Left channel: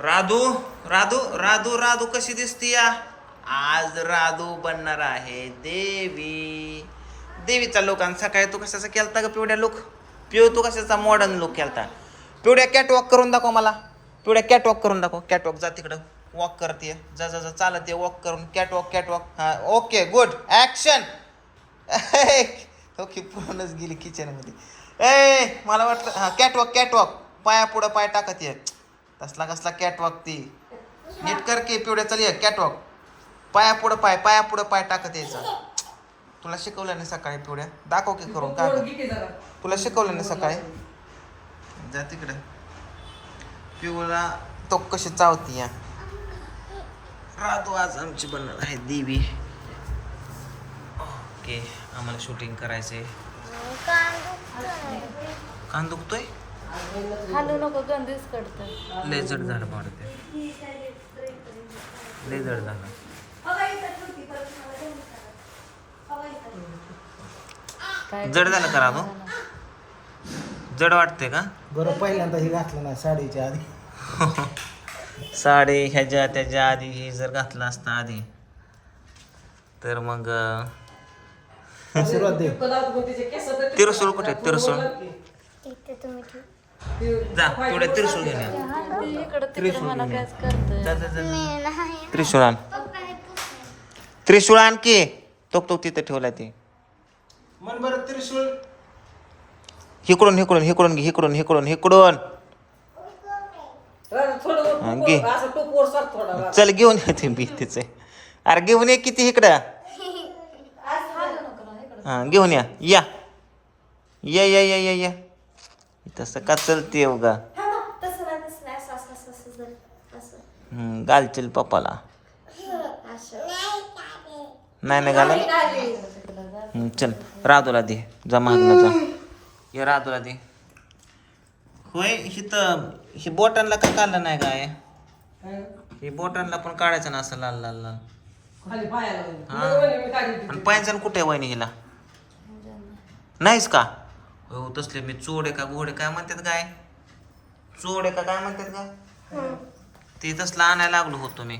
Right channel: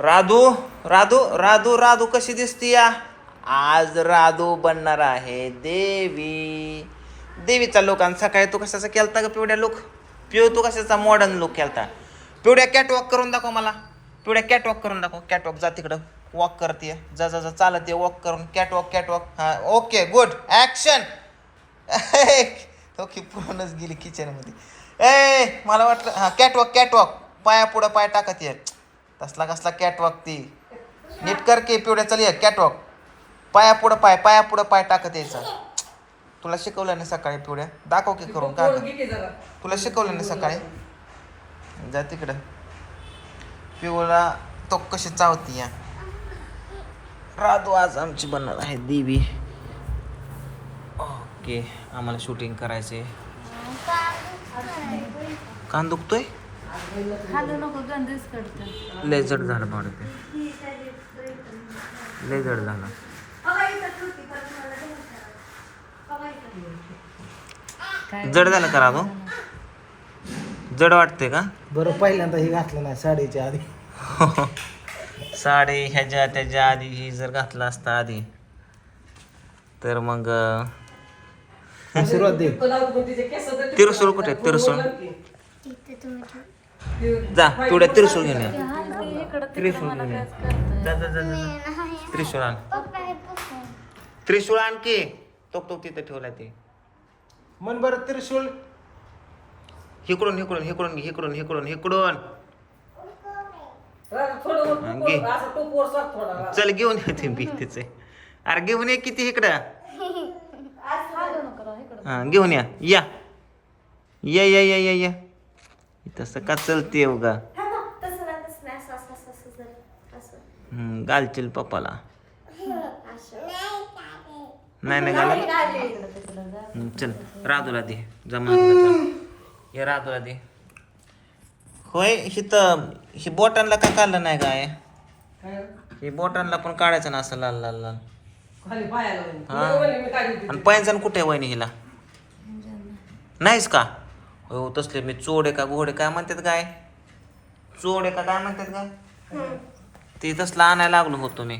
राधू राधू राधू राधू कशी दिसती या? आज राधू बनणार आहे देवी. देवीचा लोक आणि सकाळी तू कशाचा केलता ग पिवड्या लोक पिव तू कशाचा मॉडर्न लुक केलता? पिवड्या कॅटवॉक करून दाखव मला. पिवड्या कॅटवॉक करून दाखव. कॅटवॉक जा तिकडं. वॉक करते जा जा जा. चालत ये. वॉक करून. कॅटवॉक कॅटवॉक हां ओके गुड ॲक्शन ओके पूर्णच गेली किचनमध्ये ए मला वाटलं हां कॅटवॉक कॅटवॉक पाया पुढं पाय टाकत ये. कसला कसला कॅटवॉक ती. नीट कर की पिवड्या चल ये कॅटवॉक पाया पुढं पाय पाया पुढं पाय टाकत यायचा. तुला शिकवलं नाही सकाळी पिवड्या? दाखव की करून का तुला शिकवलं नाही सकाळी? जा तिकडं. पिवळा तो कशी चावती या. राधू आज आमची बनणार आहे देवी. ओके आम्हाला शूटिंग करायचंय. कान दुखतोय हालू नको गंधीच कडतं लय जड झालं लय जड झालं. जड झालं का राधू जड वाटते का? बरं पहिल्यांदा हे घातलं नाही साडीच्या आधी. साडी ह्याच्या त्याच्या आधी ही जर घातला असता आधी तर मग आशीर्वाद दे. तिरसूळ कुठे? तिरसूळ. जा तेवढ्या तिरसूळ घेऊन या. ते त्रिशूळ घेऊन या. जा जा जा त्रिशूळ आण. त्रिशूळ आणखी तो तो तिथं ठेवला ते. मन बरं त्रिशूळ. हिकडून हिकडून हिकडून घे हिकडून हिकडून हिकडून. हा, घे. चल घेऊन येते भीतीच अरे घेऊन ये किती इकडं. हा घेऊन या. या. या या या या या. तसं का चलते उगा? हम्म, घालतील पप्पाला. नाही ना घालत? हम्म, चल राधूला दे जा मागणं जा. ये राधूला दे. होय हिथं ही बोटांना का काढलं नाही काय हे? बोटांना पण काढायचं ना असं लाल लाल लाल. हा. आणि पैंजण कुठे वहिनी हिला? नाहीच का? हो तसले मी चोडे का घोडे काय म्हणतात काय? चोडे का काय म्हणतात काय? ते तसलं आणायला लागलो होतो मी.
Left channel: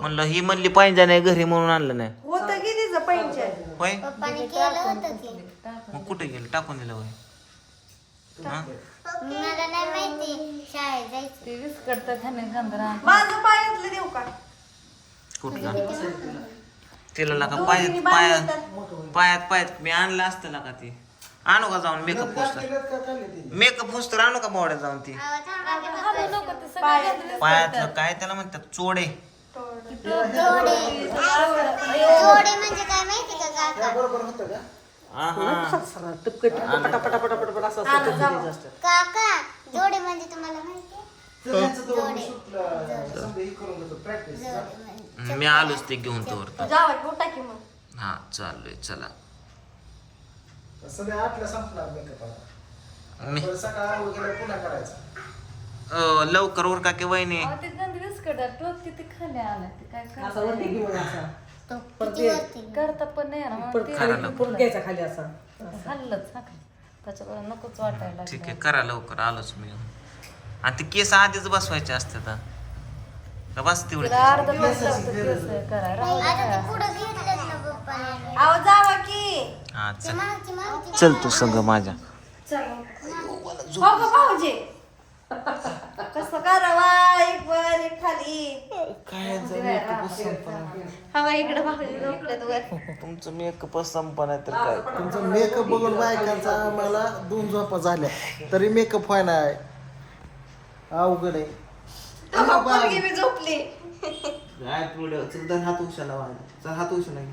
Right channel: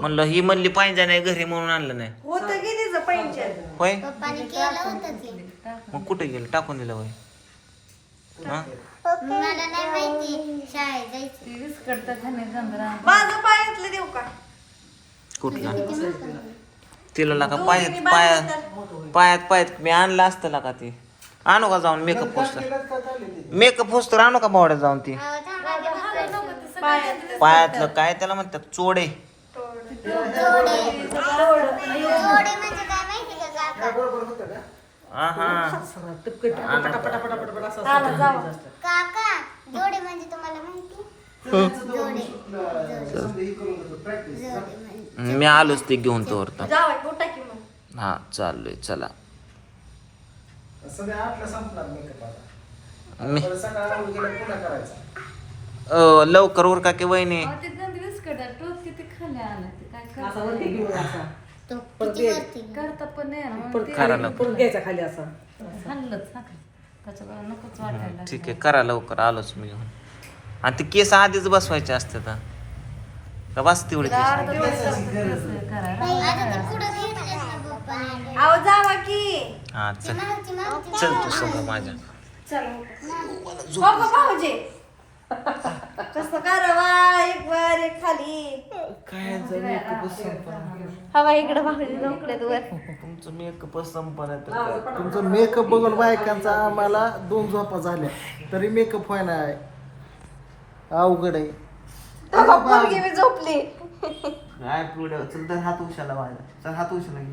म्हणलं ही म्हणली पैंजण आहे घरी म्हणून आणलं नाही. होय? पप्पाने केलं होतं ते मग कुठे गेलं? टाकून दिलं होय. हा? मला नाही माहिती. शाळेत जायचं. ते विस्कडतं त्याने गंधरा माझं पायातलं देऊ का? कुठला? तिला लागा पायात पायात पायात पायात मी आणलं असतं लागा ती. आणू का जाऊन मेकअप पोस्टर मेकअप पोस्टर आणू का बावड्यात जाऊन ती? पायातलं काय त्याला म्हणतात? चोडे. मी आलोच ते घेऊन तो. हा चाललोय चला. सध्या आपल्या संपणार makeup आता. मी तर सकाळ आंघोळ केल्यावर पुन्हा करायचं. अ, लवकर उरका की वहिनी? अहो, ते गंध विस्कडत टोप किती खाली आलं. ते काय करतं तो किती वरती करता पण नाही ना. मग ते करा लवकर. हल्लच ना त्याच्यामुळे नकोच वाटायला ठीक आहे. करा लवकर. आलोच मी घेऊन. आणि ते केस आधीच बसवायचे असतात हा. का बस तेवढे केस? आता ते पुढं घेतलं ना पप्पाने. आव जावा की. हा चल. तू संग माझ्या. हो भाऊजी कसं करावा एक वर एक खाली. हवा इकडे भाऊजी इकडे वर. तुमचं मेकअप संपणार तर काय? तुमचं मेकअप बघून बायकांचा आम्हाला दोन झोपा झाल्या. तरी मेकअप व्हाय नाही अवघड आहे. पोरगी मी झोपली. काय पुढं? चल तर हात उशाला व्हायला चल हात उशाला घे